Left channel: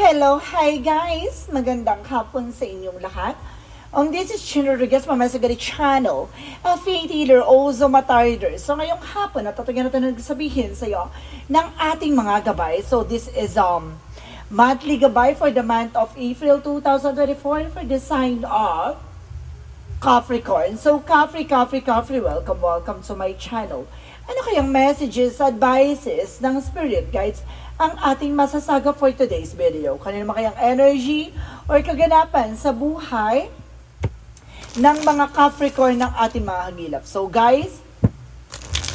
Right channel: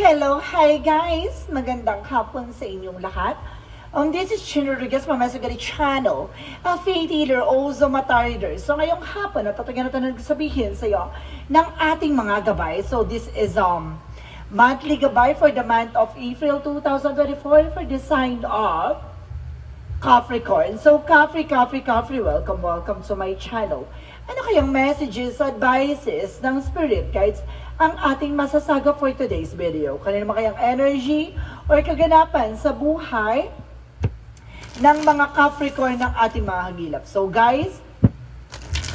Hello, hi guys! Magandang hapon sa inyong lahat. Um, this is Chin Rodriguez from Mesagari Channel, a faith healer, also matarder. So ngayong hapon, natatagan natin nagsabihin sa iyo ng ating mga gabay. So this is um monthly gabay for the month of April 2024 for the sign of Capricorn. So, Capri, Capri, Capri, welcome, welcome to my channel. Ano kayang messages, advices ng spirit guides ang ating masasaga for today's video? Kanino naman kayang energy or kaganapan sa buhay ng mga Capricorn ng ating mga hangilap? So, guys,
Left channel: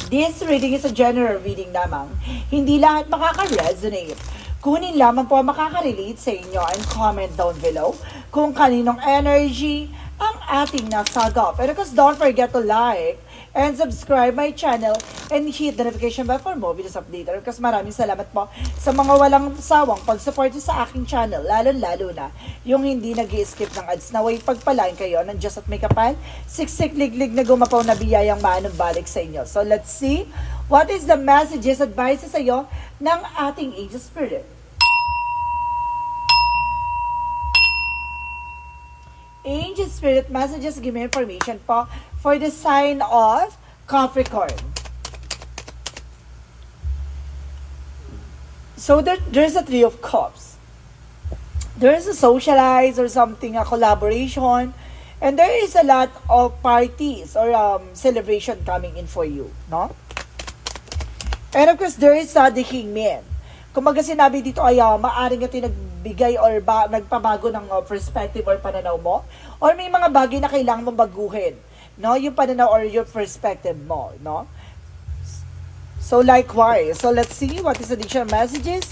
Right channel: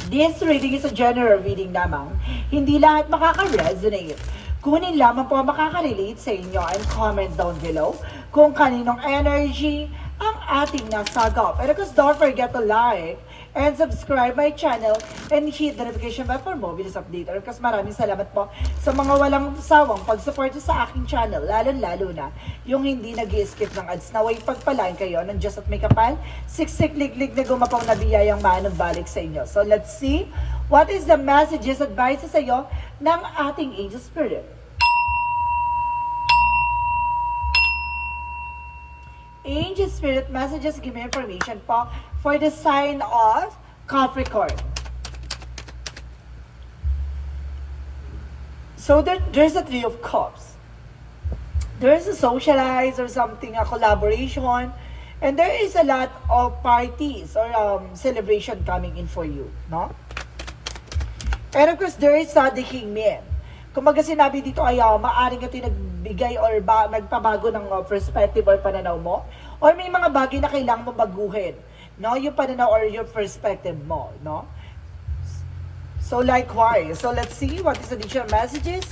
This reading is a general reading lamang. Hindi lahat makaka-resonate. Kunin lamang po makaka-relate sa inyo and comment down below kung kaninong energy ang ating nasagap. And of course, don't forget to like and subscribe my channel and hit the notification bell for more videos update. Course, maraming salamat po sa mga walang sawang pag-support sa aking channel, lalo-lalo na yung hindi nag skip ng ads na way pagpalain kayo ng Diyos at may kapal, siksik liglig na gumapaw na biyayang manong balik sa inyo. So let's see what is the messages, advices sa iyo ng ating angel spirit. Angel Spirit messages give me information po for the sign of Capricorn. So there, there's a Three of Cups. There's a socialize or something, a collaboration, and there is a lot of parties or um, celebration coming in for you, no? And of course, there is uh, the Kingman. Kumaga sinabi dito ay uh, maaring ito nagbigay or ba, nagpabago ng uh, perspective or pananaw mo. Or may mga bagay na kailangan mo baguhin. No? Yung pananaw or your perspective mo. No? So likewise, so let's see what is the additional messages.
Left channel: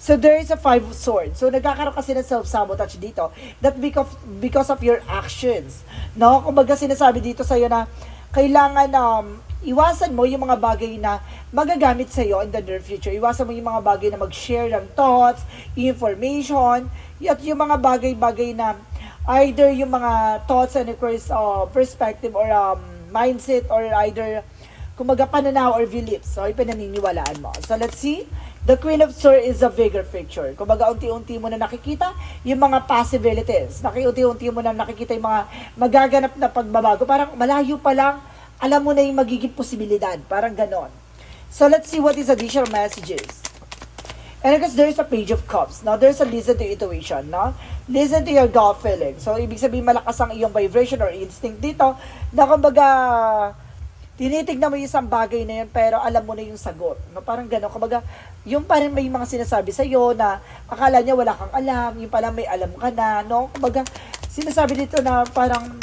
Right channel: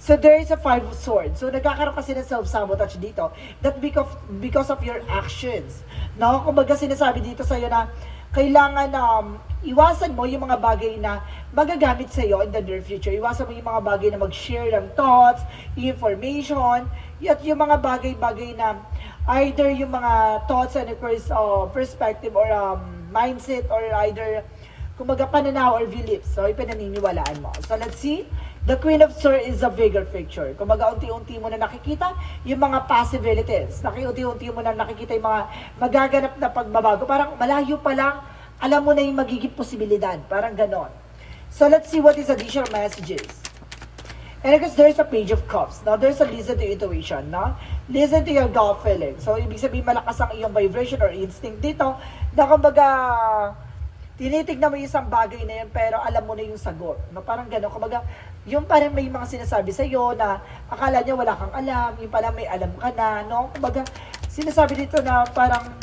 So there is a five of swords. So nagkakaroon kasi ng self-sabotage dito. That because, because of your actions. No? Kumbaga sinasabi dito sa iyo na kailangan um, iwasan mo yung mga bagay na magagamit sa iyo in the near future. Iwasan mo yung mga bagay na mag-share ng thoughts, information, at yung mga bagay-bagay na either yung mga thoughts and course, uh, perspective or um, mindset or either kumaga pananaw or beliefs. So, ipinaniniwalaan mo. So, let's see. The Queen of Swords is a bigger picture. Kumbaga, unti-unti mo na nakikita yung mga possibilities. Nakiunti-unti mo na nakikita yung mga magaganap na pagbabago. Parang malayo pa lang, alam mo na yung magiging posibilidad. Parang ganon. So, let's see what is additional messages. And because there's a page of cups. Now, there's a listen to intuition, no? Listen to your gut feeling. So, ibig sabihin malakas ang iyong vibration or instinct dito na kumbaga tinitignan mo yung isang bagay na yun pero alam mo na yung sagot. No? Parang gano'n. Kumbaga, yung parang may mga sinasabi sa iyo na akala niya wala kang alam, yung pala may alam ka na, no? Kumbaga, sinasabi dito na parang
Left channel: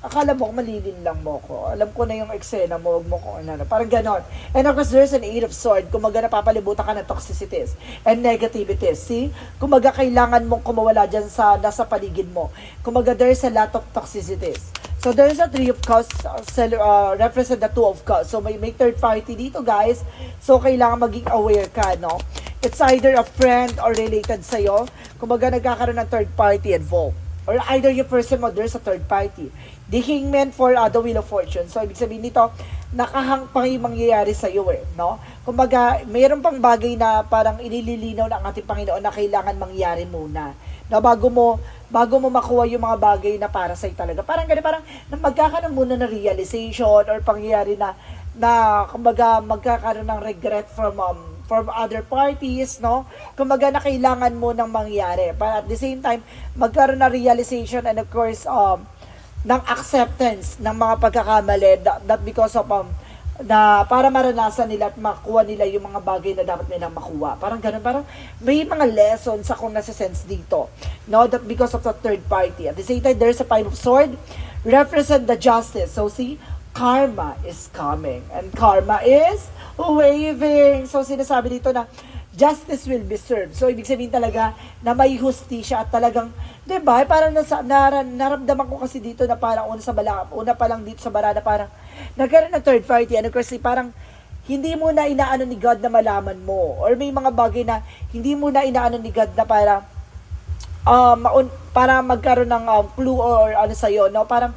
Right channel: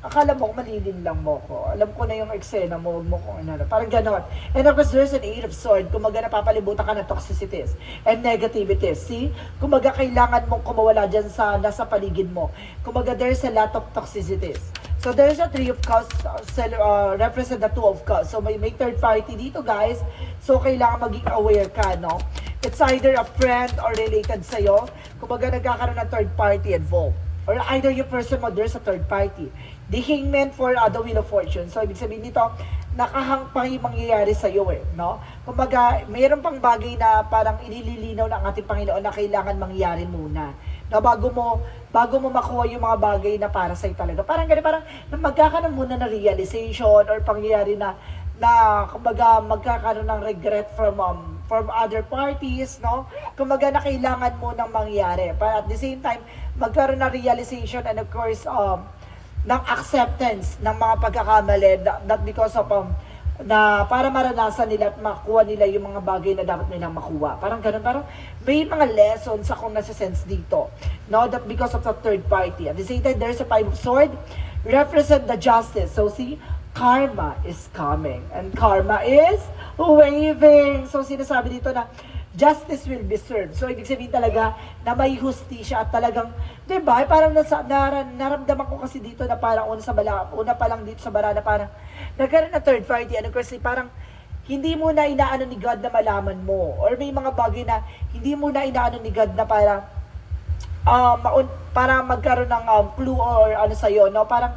akala mo malilin lang mo ko. Alam ko na yung eksena mo, huwag mo kung ano. Parang ganon. And of course, there's an eight of sword. Kumaga napapalibutan ka ng toxicities and negativities. See? Kumaga kailangan mong kumawala dyan sa nasa paligid mo. Kumaga there's a lot of toxicities. So there's a three of cups, uh, represent the two of cups. So may, may third party dito guys. So kailangan maging aware ka, no? It's either a friend or related sa'yo. Kumaga nagkakaroon ng third party involved. Or either yung person mo, there's a third party. The hangman for uh, the wheel of fortune. So ibig sabihin nito, nakahang pang yung mangyayari sa iyo eh, no? Kumbaga, mayroon pang bagay na parang inililinaw ng ating Panginoon na kailangan mangyari muna. Na bago mo bago mo makuha yung mga bagay na para sa talaga. Parang ganun, parang na magkakaroon muna ng realization or pangyayari na na kumbaga magkakaroon ng regret from um, from other parties, no? Kumbaga na kailangan mo nang mangyari. But at the same time, magkaroon ng realization and of course um, ng acceptance ng mga pagkakamali not, not because of um, na para maranasan nila at makuha nila yung mga bagay na dapat nila makuha. Parang ganun, parang may mga lessons akong nasa-sense dito. No, that because of the third party. At the same time, there's a five of sword, represent the justice. So see, karma is coming. And karma is waving. So sinasabi dito na, justice will be served. So, ibig sabihin talaga na may hustisya at talagang, di ba, parang nasa, nar, naramdaman ko kasi dito na parang una sa bala, una pa lang dito sa bara na parang, nagkaroon ng third party, ano kasi parang, hindi mo na inaano ni God na malaman mo. Or may mga bagay na, hindi mo na inaano ni God na para, um, para magkaroon ng um, clue or ano sa'yo, no? Parang,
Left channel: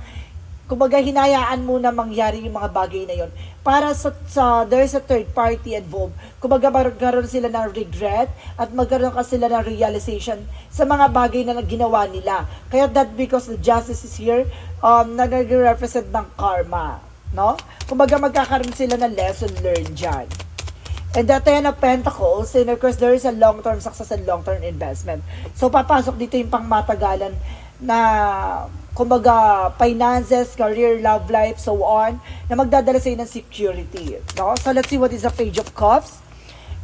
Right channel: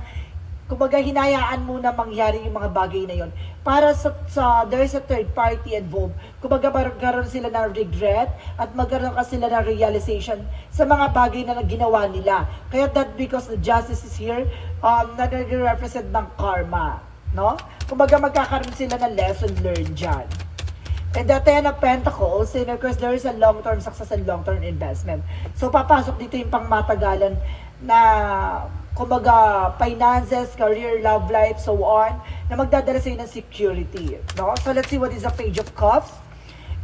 kumbaga hinayaan mo na mangyari yung mga bagay na yon para sa, sa there is a third party involved. Kumbaga magkaroon sila ng regret at magkaroon ka sila ng realization sa mga bagay na ginawa nila. Kaya that because the justice is here um, na nag-represent ng karma no? Kumbaga magkakaroon sila ng lesson learned dyan. And the Ten of Pentacles, and of course, there is a long-term success and long-term investment. So, papasok dito yung pangmatagalan na, kumbaga, finances, career, love life, so on, na magdadala sa ng security. No? So, let's see what is the Page of Cups.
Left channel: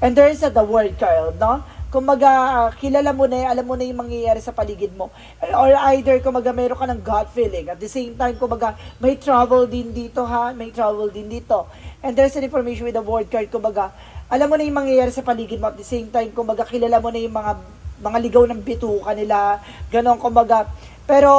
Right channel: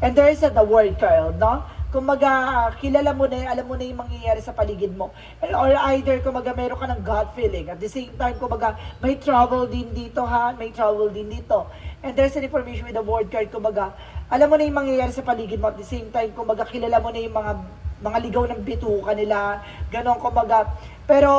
And there is a the word card, no? Kumbaga, kilala mo na, alam mo na yung mangyayari sa paligid mo. Or either, kumbaga, mayroon ka ng gut feeling. At the same time, kumbaga, may trouble din dito, ha? May trouble din dito. And there's an information with the word card, kumbaga, alam mo na yung mangyayari sa paligid mo. At the same time, kumbaga, kilala mo na yung mga mga ligaw ng pituka nila, ganon kumbaga. Pero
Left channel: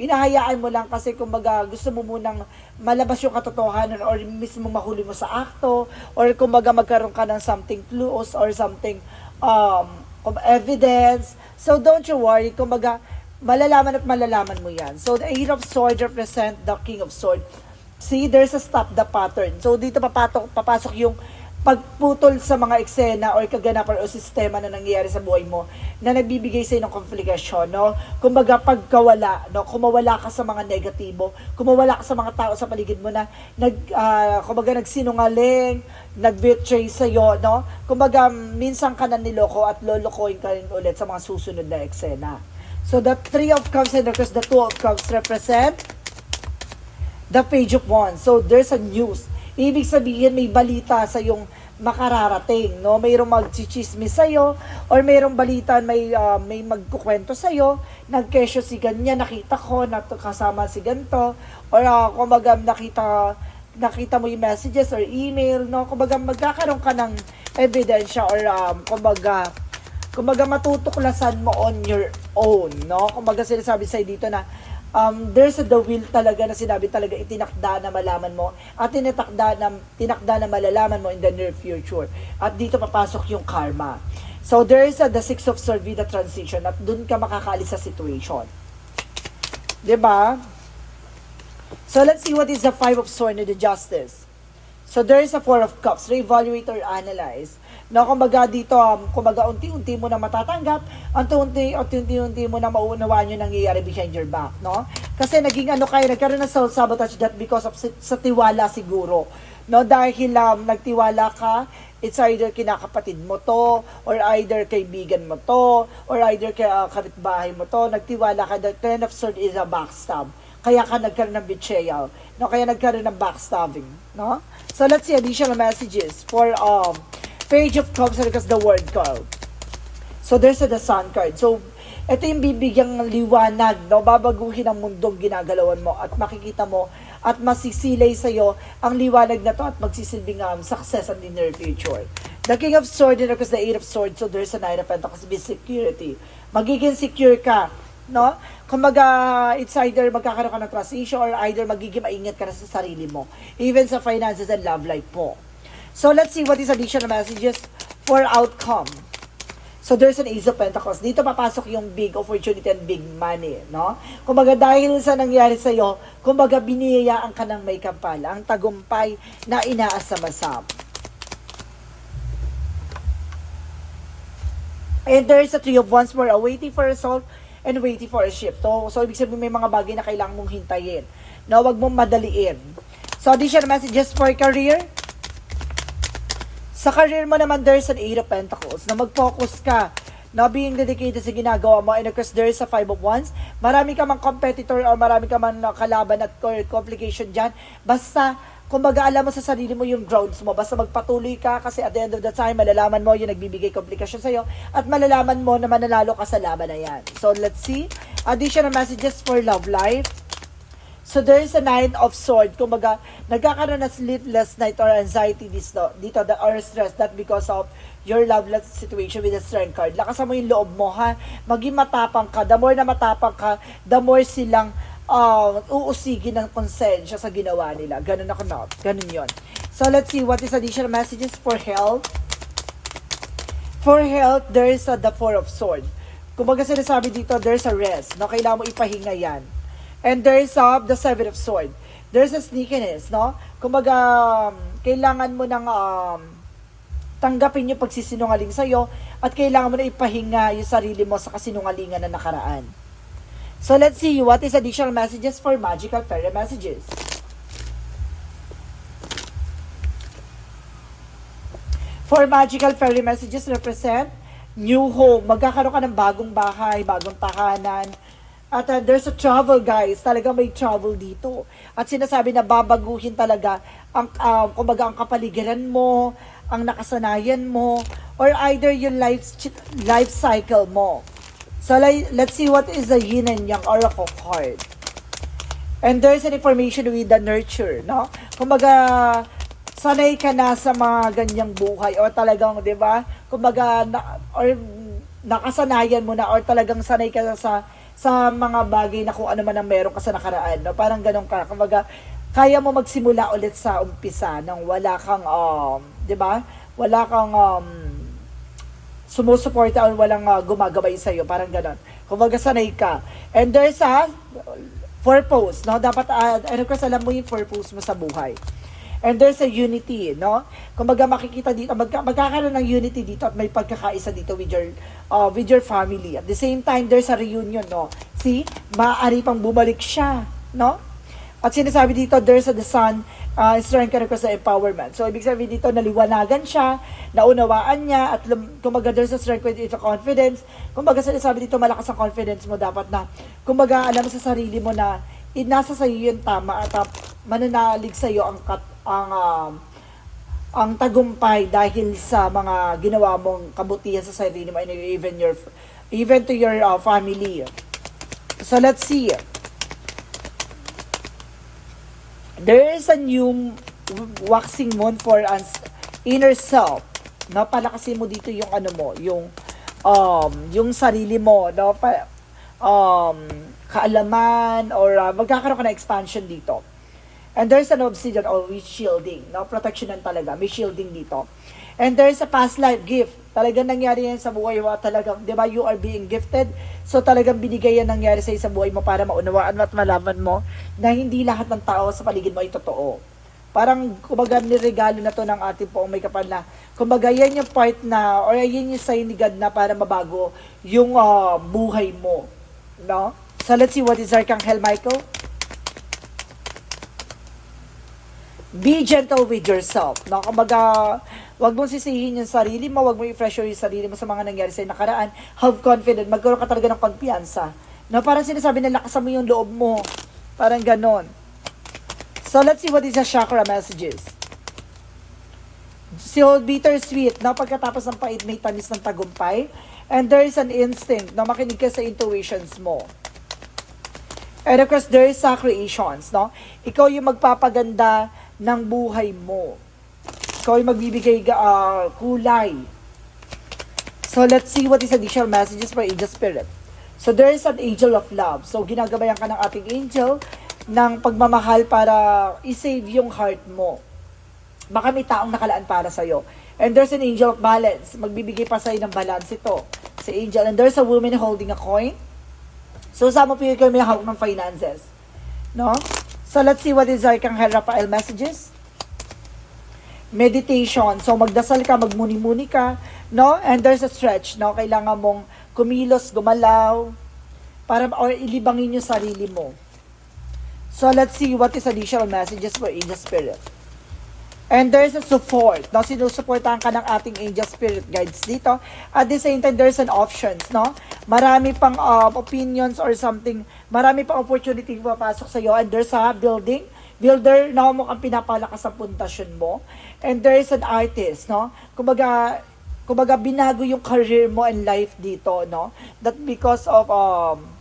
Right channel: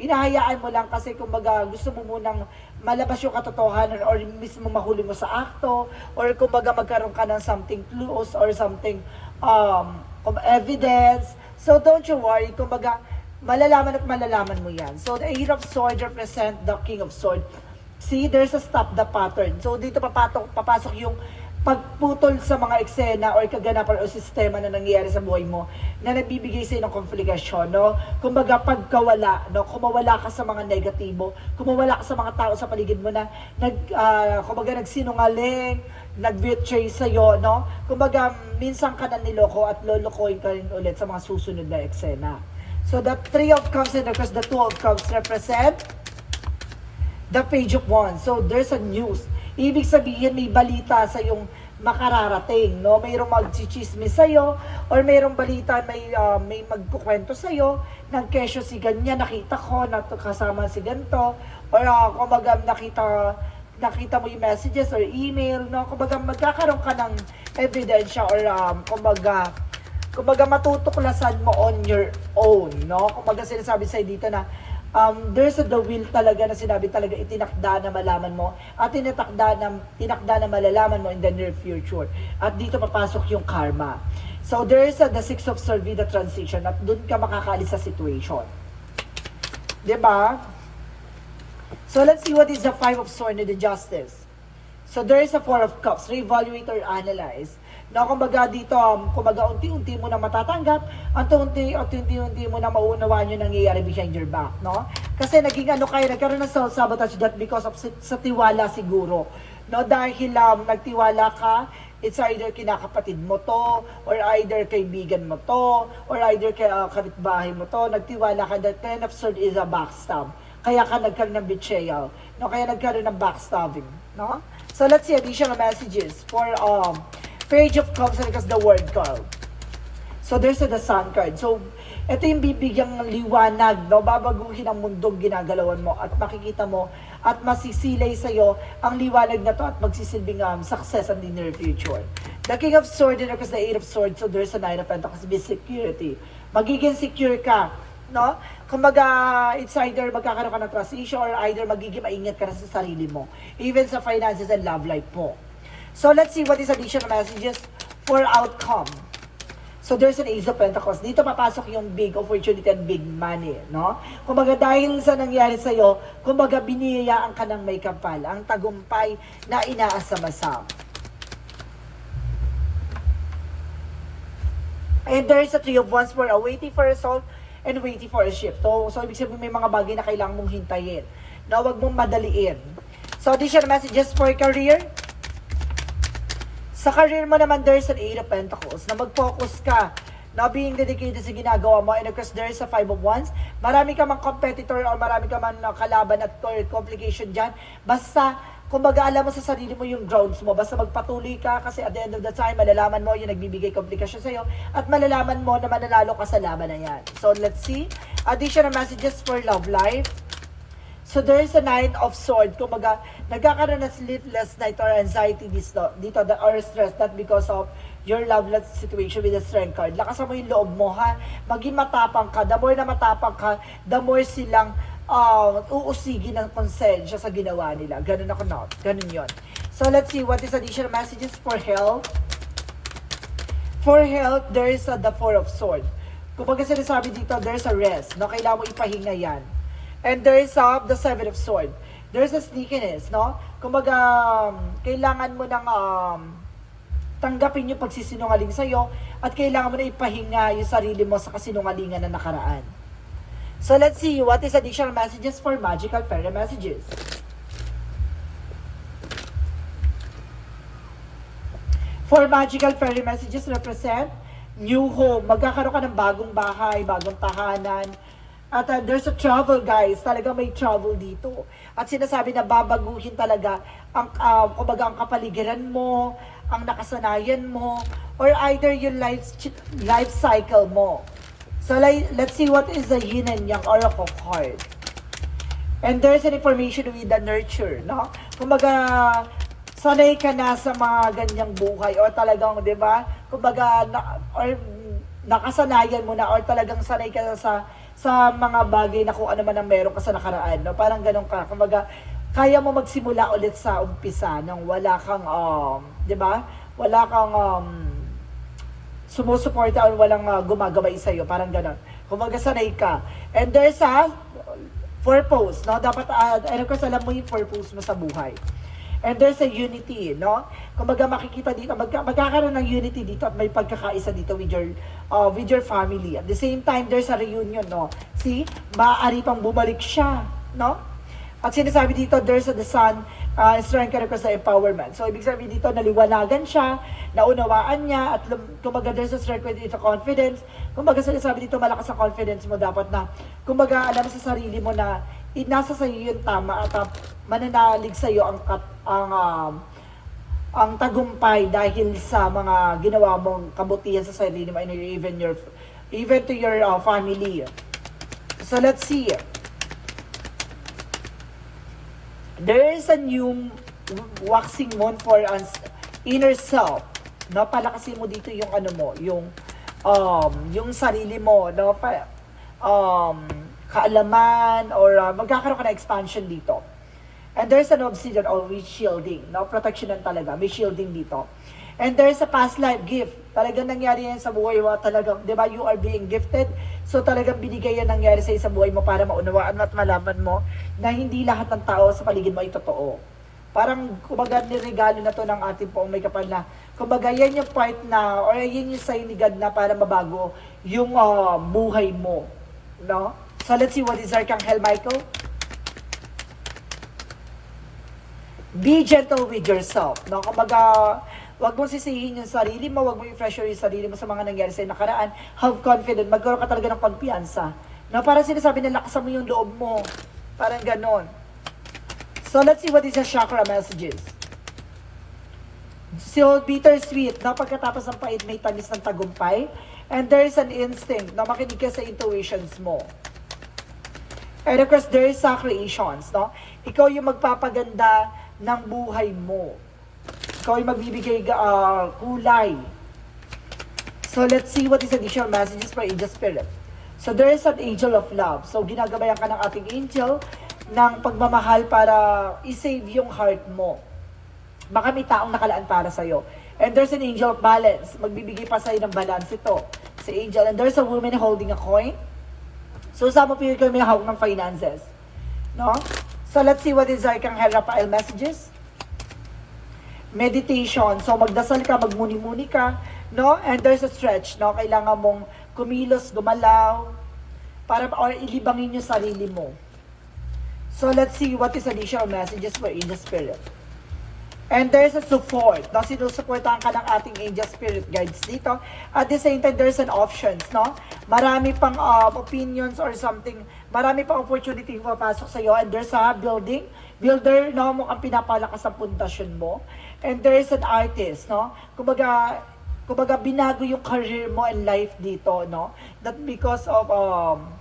inahayaan mo lang kasi kumbaga gusto mo munang malabas yung katotohanan or mismo mahuli mo sa akto or kumbaga magkaroon ka ng something clues or something um, evidence. So don't you worry, kumbaga malalaman at malalaman mo yan. So the Eight of Swords represent the King of Swords. See, there's a stop the pattern. So dito papatok, papasok yung pagputol sa mga eksena or kaganapan o sistema na nangyayari sa buhay mo na nagbibigay sa ng komplikasyon, no? Kumbaga, pagkawala, no? Kumawala ka sa mga negatibo, kumawala ka sa mga tao sa paligid mo na nag, ah, kumbaga, nagsinungaling, nag-betray sa'yo, no? Kumbaga, minsan ka na niloko at lolokohin ka rin ulit sa mga susunod na eksena. So, the Three of Cups and the Two of Cups represent the Page of Wands. So, there's a news. Ibig sabihin, may balita sa yung makararating, no? Mayroong magchichismis sa'yo, or mayroong balita, may, ah, may magkukwento sa'yo, nagkesyo si ganyan, nakita ko, na kasama si ganto, or uh, kumbaga nakita, nakita mo yung messages or email, no? Kumbaga magkakaroon ka ng ebidensya or um, kumbaga, kumbaga matutuklasan mo on your own, no? Kumbaga sinasabi sa'yo dito na um, there's a the will talaga na sinabi talaga itinakda na malaman mo at tinatakda na, tinakda na malalaman mo in the near future. At dito papasok yung karma. So there is a the six of the transition at dun ka makakalis sa situation. ba? So let's see what is the five of swords and the justice. So there is a four of cups, reevaluate or analyze. No, kumbaga dito, um, kumbaga unti-unti mo na matatanggap, unti-unti, unti-unti mo na mauunawaan yung nangyayari behind your back, no? Kasi naging ano kayo, nagkaroon ng self-sabotage that because of sa, tiwala siguro. No, dahil um, nagtiwala ka, it's either kinakapatid mo to, or either kaibigan mo to, or either kay uh, kapitbahay mo to, nagtiwala ka, the ten of swords is a backstab. Kaya ka nagkaroon ng betrayal, no? Kaya nagkaroon ng backstabbing, no? So let's see additional messages for um Page of Cups because the word card. So there's a the sun card. So ito yung bibigyan ng liwanag, no? babaguhin ang mundong ginagalawan mo at makikita mo at masisilay sa'yo ang liwanag na to at magsisilbing um, success in the near future. The King of Swords and because the Eight of Swords, so there's a Nine of Pentacles, be security. Magiging secure ka, no? Kumbaga, it's either magkakaroon ka ng transition or either magiging maingat ka na sa sarili mo. Even sa finances and love life mo. So let's see what is additional messages for outcome. So there's an Ace of Pentacles. Dito papasok yung big opportunity and big money, no? Kumbaga dahil sa nangyari sa iyo, kumbaga biniyayaan ka ng may kapal, ang tagumpay na inaasam-asam. And there is a three of wands more, waiting for a result and waiting for a shift. So, so ibig sabihin may mga bagay na kailangan mong hintayin. No, wag mong madaliin. So additional messages for career. Sa career mo naman, there's an Eight of Pentacles na mag-focus ka na being dedicated sa ginagawa mo and of course there is a Five of Wands. Marami ka mang competitor or marami ka man kalaban at or complication dyan. Basta, kumbaga alam mo sa sarili mo yung grounds mo. Basta magpatuloy ka kasi at the end of the time, malalaman mo yung nagbibigay komplikasyon sa'yo at malalaman mo na mananalo ka sa laban na yan. So let's see. Additional messages for love life. So there is a nine of sword. Kumbaga, nagkakaroon ng sleepless night or anxiety dito, dito the, or stress that because of your love life situation with the strength card. Lakasan mo yung loob mo, ha? Maging matapang ka. The more na matapang ka, the more silang uh, uusigin ng konsensya sa ginawa nila. Ganun ako na. Ganun yon. So let's see what is additional messages for health. For health, there is a, the four of sword. Kumbaga sinasabi dito, there's a rest. No? Kailangan mo ipahinga yan. And there's uh, the Seven of Swords. There's a sneakiness, no? Kumbaga, um, kailangan mo ng um, tanggapin yung pagsisinungaling sa'yo at kailangan mo na ipahinga yung sarili mo sa kasinungalingan na nakaraan. So let's see what is additional messages for magical fairy messages. For magical fairy messages represent new home. Magkakaroon ka ng bagong bahay, bagong tahanan. At uh, there's a travel guys, talaga may travel dito. At sinasabi na babaguhin talaga ang uh, kumbaga ang kapaligiran mo, ang nakasanayan mo, or either yung life life cycle mo. So like, let's see what is the yin and yang oracle card. And there's an information with the nurture, no? Kumbaga, sanay ka na sa mga ganyang buhay or talagang, di ba? Kumbaga, na, or nakasanayan mo na or talagang sanay ka na sa sa mga bagay na kung ano man ang meron ka sa nakaraan, no? Parang ganun ka. Kumbaga, kaya mo magsimula ulit sa umpisa nang wala kang, um, di ba? Wala kang, um, sumusuporta o walang uh, gumagabay sa'yo. Parang ganun. Kumbaga, sanay ka. And there's a purpose, no? Dapat, uh, ano kasi alam mo yung purpose mo sa buhay. And there's a unity, no? Kumbaga makikita dito, magka, magkakaroon ng unity dito at may pagkakaisa dito with your, uh, with your family. At the same time, there's a reunion, no? See, maaari pang bumalik siya, no? At sinasabi dito, there's a the sun, uh, strength ka sa empowerment. So, ibig sabihin dito, naliwanagan siya, naunawaan niya, at lum, kumbaga, there's a strength with its confidence. Kumbaga, sinasabi dito, malakas ang confidence mo dapat na, kumbaga, alam sa sarili mo na, eh, nasa sa iyo yung tama at uh, mananalig sa iyo ang kat, ang um, ang tagumpay dahil sa mga ginawa mong kabutihan sa sarili mo and even your even to your uh, family. So let's see. There is a new waxing moon for us inner self. Napalakasin mo dito yung ano mo, yung um yung sarili mo, no? Pa, um kaalaman or uh, magkakaroon ka ng expansion dito. And there's an obsidian always shielding, no? Protection lang talaga. May shielding dito. And there's a past life gift. Talagang nangyari yan sa buhay mo. Talagang, di ba, you are being gifted. So talagang binigay yan nangyari sa sa buhay mo para maunawaan mo at malaman mo na hindi lahat ng tao sa paligid mo ay totoo. Parang, kumbaga, niregalo na to ng ating poong may kapal na, kumbaga, yan yung part na, or yan yung sign ni God na para mabago yung uh, buhay mo. No? So let's see what is Archangel Michael. Be gentle with yourself. No? Kumbaga, wag mo sisihin yung sarili mo, wag mo i-pressure yung sarili mo sa mga nangyari sa nakaraan. Have confidence, magkaroon ka talaga ng pagpiansa. No? Parang sinasabi na lakasan mo yung loob mo. Parang ganon. So let's see what is the chakra messages. So bittersweet, na pagkatapos ng pait may tamis ng tagumpay. And there is an instinct na makinig ka sa intuitions mo. And of course, there is uh, creations, no? Ikaw yung magpapaganda ng buhay mo. Ikaw yung magbibigay uh, kulay. So let's see what is additional messages for angel spirit. So there is an angel of love. So ginagabayan ka ng ating angel ng pagmamahal para i-save yung heart mo. Baka may taong nakalaan para sa'yo. And there's an angel of balance. Magbibigay pa sa'yo ng balance ito. Si angel. And there's a woman holding a coin. So sa mo ko may hawak ng finances. No? So let's see what is Archangel Raphael messages. Meditation. So magdasal ka, magmuni-muni ka. No? And there's a stretch. No? Kailangan mong kumilos, gumalaw. Para, or ilibangin yung sarili mo. So let's see what is additional messages for angel spirit. And there's a support. No? Sinusuportahan ka ng ating angel spirit guides dito. At the same time, there's an options. No? Marami pang uh, opinions or something. Marami pang opportunity papasok sa iyo. And there's a building. Builder, no, mo ang pinapalakas sa puntasyon mo. And there's an artist. No? Kumbaga, kumbaga binago yung career mo and life dito. No? That because of um,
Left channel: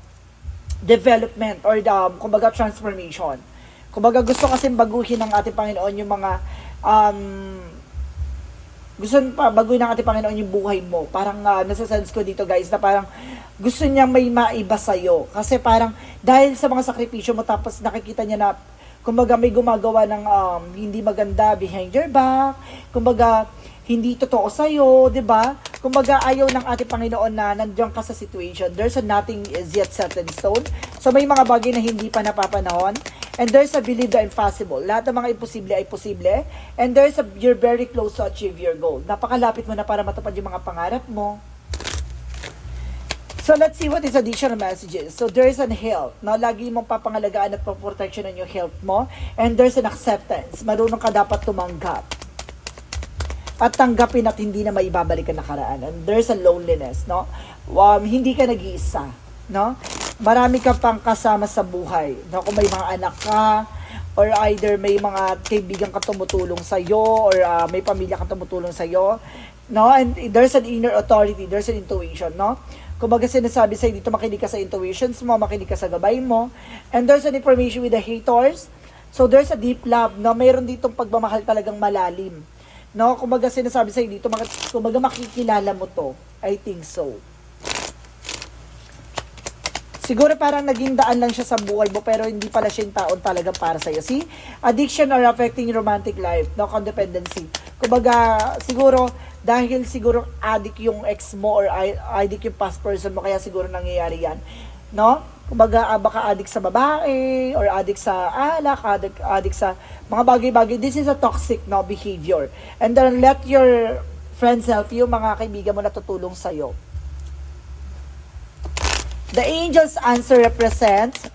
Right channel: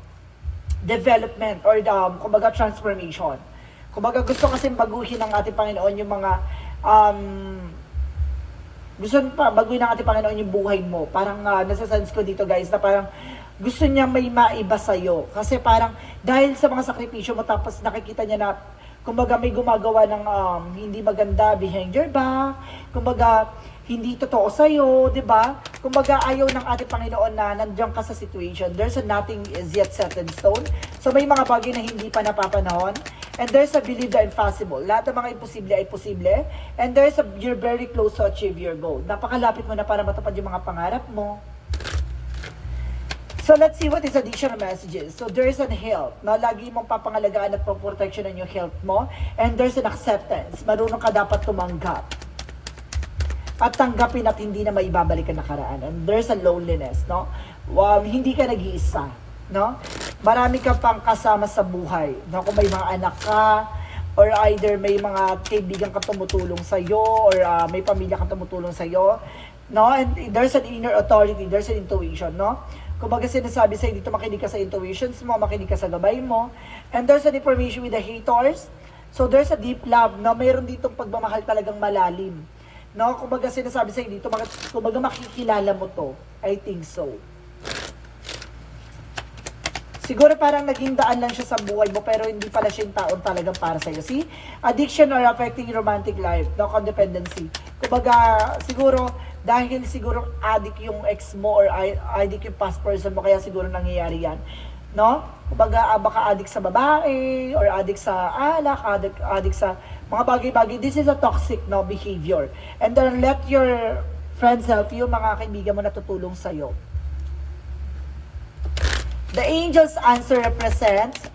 development or the, um, kumbaga transformation. Kumbaga gusto kasi baguhin ng ating Panginoon yung mga um, gusto pa baguhin ng ating Panginoon yung buhay mo. Parang uh, nasa-sense ko dito guys na parang gusto niya may maiba sa'yo. Kasi parang dahil sa mga sakripisyo mo tapos nakikita niya na kumbaga may gumagawa ng um, hindi maganda behind your back. Kumbaga hindi totoo sa'yo, di ba? Kumbaga, ayaw ng ating Panginoon na nandiyan ka sa situation. There's a nothing is yet set in stone. So, may mga bagay na hindi pa napapanahon. And there's a believe the impossible. Lahat ng mga imposible ay posible. And there's a, you're very close to achieve your goal. Napakalapit mo na para matupad yung mga pangarap mo. So let's see what is additional messages. So there's an health, no? Lagi mong papangalagaan at protection yung health mo. And there's an acceptance. Marunong ka dapat tumanggap. At tanggapin at hindi na maibabalik ang nakaraan. And there's a loneliness, no? Um, hindi ka nag-iisa, no? Marami ka pang kasama sa buhay. No? Kung may mga anak ka, or either may mga kaibigan ka tumutulong sa iyo or ah, may pamilya ka tumutulong sa iyo no and there's an inner authority there's an intuition no kumbaga sinasabi sa'yo dito makinig ka sa intuitions mo makinig ka sa gabay mo and there's an information with the haters so there's a deep love no mayroon ditong pagmamahal talagang malalim no kumbaga sinasabi sa'yo dito kumbaga makikilala mo to I think so Siguro parang naging daan lang siya sa buhay mo pero hindi pala siya yung taon talaga para sa'yo. See? Addiction or affecting romantic life, no codependency. Kumbaga, siguro dahil siguro addict yung ex mo or addict yung past person mo kaya siguro nangyayari yan. No? Kumbaga, ah, baka addict sa babae or addict sa alak, addict, addict sa mga bagay-bagay. This is a toxic no, behavior. And then let your friends help you, mga kaibigan mo na tutulong sa'yo. The angel's answer represents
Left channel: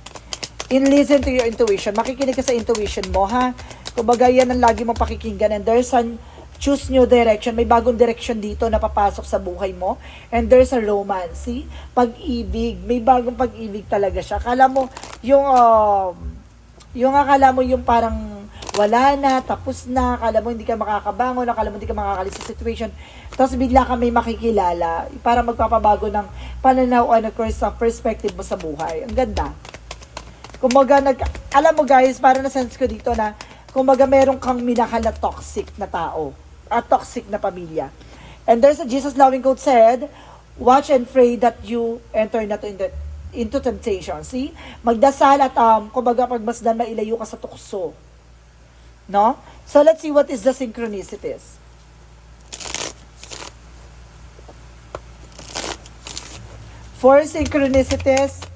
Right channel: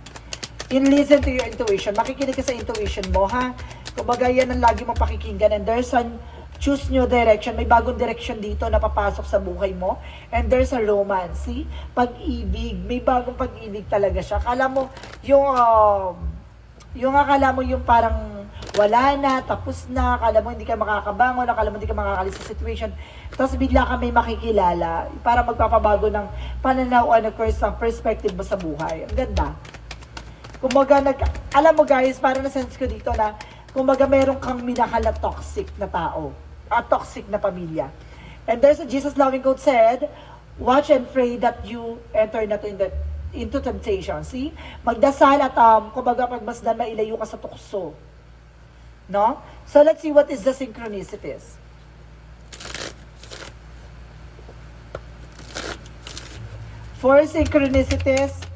in listen to your intuition. Makikinig ka sa intuition mo, ha? Kumbaga, yan ang lagi mong pakikinggan. And there's an choose new direction. May bagong direction dito na papasok sa buhay mo. And there's a romance. See? Pag-ibig. May bagong pag-ibig talaga siya. Akala mo, yung, um, yung akala mo yung parang wala na, tapos na, akala mo hindi ka makakabangon, akala mo hindi ka makakalis sa situation. Tapos bigla ka may makikilala, parang magpapabago ng pananaw ano, pers- perspective mo sa buhay. Ang ganda. Kumbaga, nag, alam mo guys, para na sense ko dito na, kumbaga meron kang minakal na toxic na tao, at toxic na pamilya. And there's a Jesus loving quote said, watch and pray that you enter not in the, into temptation. See? Magdasal at um, kumbaga pagmasdan mailayo ka sa tukso. No? So let's see what is the synchronicities. Four synchronicities.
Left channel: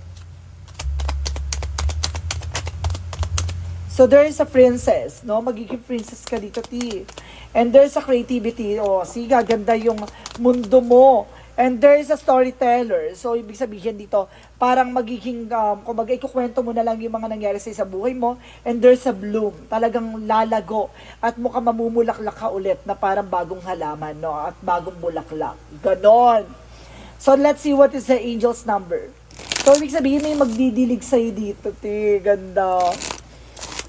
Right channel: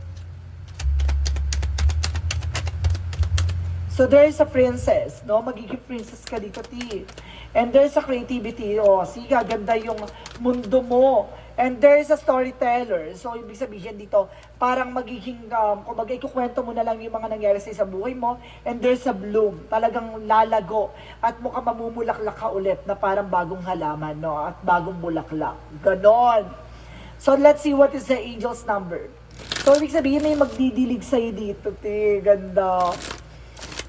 So there is a princess, no? Magiging princess ka dito, T. And there's a creativity. Oh, sige, ganda yung mundo mo. And there is a storyteller. So, ibig sabihin dito, parang magiging, um, kumbaga, ikukwento mo na lang yung mga nangyari sa sa buhay mo. And there's a bloom. Talagang lalago. At mukhang mamumulaklak ka ulit na parang bagong halaman, no? At bagong bulaklak. Ganon. So, let's see what is the angel's number. So, ibig sabihin, may magdidilig sa'yo dito, te. Ganda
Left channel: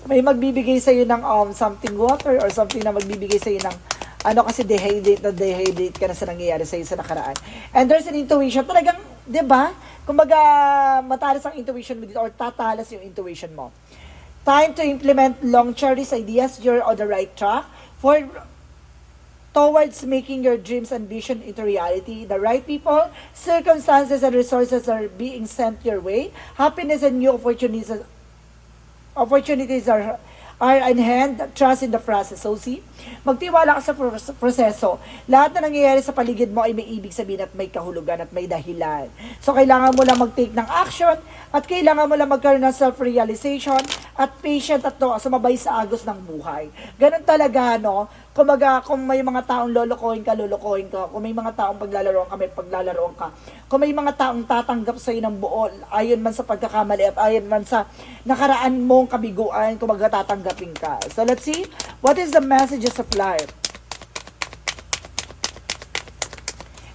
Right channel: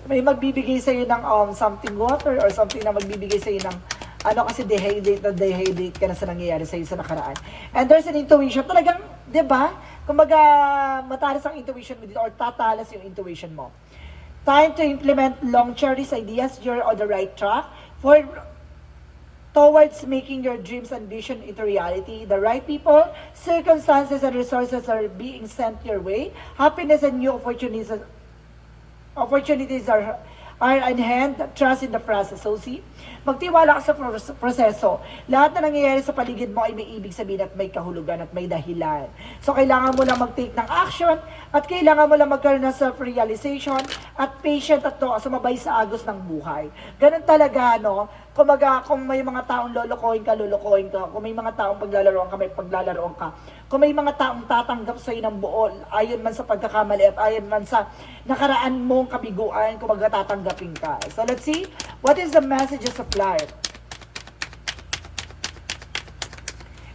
may magbibigay sa'yo ng um, something water or something na magbibigay sa'yo ng ano kasi dehydrate na dehydrate ka na sa nangyayari sa'yo sa nakaraan. And there's an intuition. Talagang, di ba? Kumbaga, matalas ang intuition mo dito or tatalas yung intuition mo. Time to implement long cherished ideas. You're on the right track. For towards making your dreams and vision into reality. The right people, circumstances, and resources are being sent your way. Happiness and new opportunities opportunities are are in hand, trust in the process. So see, magtiwala ka sa pros- proseso. Lahat na nangyayari sa paligid mo ay may ibig sabihin at may kahulugan at may dahilan. So kailangan mo lang mag-take ng action at kailangan mo lang magkaroon ng self-realization at patient at no, sumabay sa agos ng buhay. Ganun talaga, no? Kumaga, kung may mga taong lolokohin ka, lolokohin ka. Kung may mga taong paglalaroan ka, may paglalaroan ka. Kung may mga taong tatanggap sa'yo ng buol, ayon man sa pagkakamali at ayon man sa nakaraan mong kabiguan, kung tatanggapin ka. So let's see, what is the messages of life?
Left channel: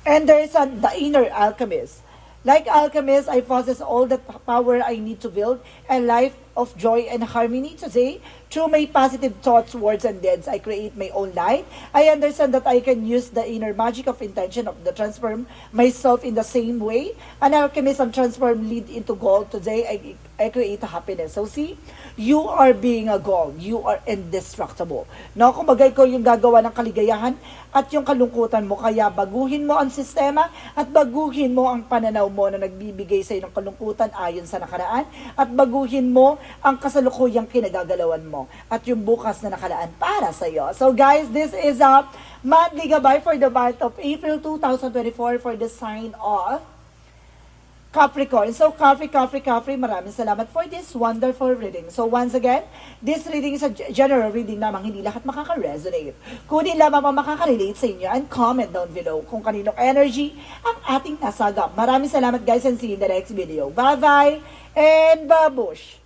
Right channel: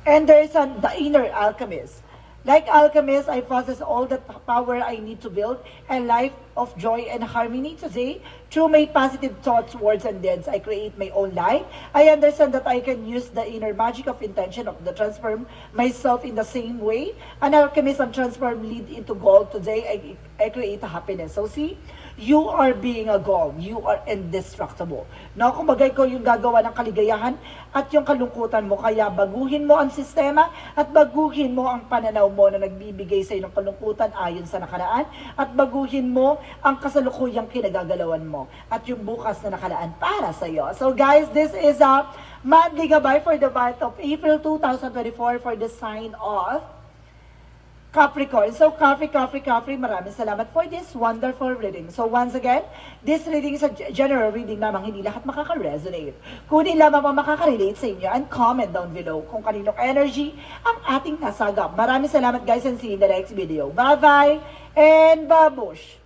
And there is an, the inner alchemist. Like alchemist, I possess all the power I need to build a life of joy and harmony today. Through my positive thoughts, words, and deeds, I create my own life. I understand that I can use the inner magic of intention of the transform myself in the same way. An alchemist and transform lead into gold. Today, I, I create happiness. So see, you are being a gold. You are indestructible. No, kung bagay ko yung gagawa ng kaligayahan at yung kalungkutan mo, kaya baguhin mo ang sistema at baguhin mo ang pananaw mo na nagbibigay sa ng kalungkutan ayon sa nakaraan at baguhin mo ang kasalukuyang kinagagalawan mo at yung bukas na nakalaan para sa iyo. So guys, this is a monthly gabay for the month of April 2024 for the sign of Capricorn. So, Capri, Capri, Capri, maraming salamat for this wonderful reading. So, once again, this reading is a general reading lamang, hindi lahat makaka-resonate. Kunin lamang ang makaka-relate sa inyo and comment down below kung kaninong energy ang ating nasagap. Maraming salamat guys and see you in the next video. Bye-bye and babush!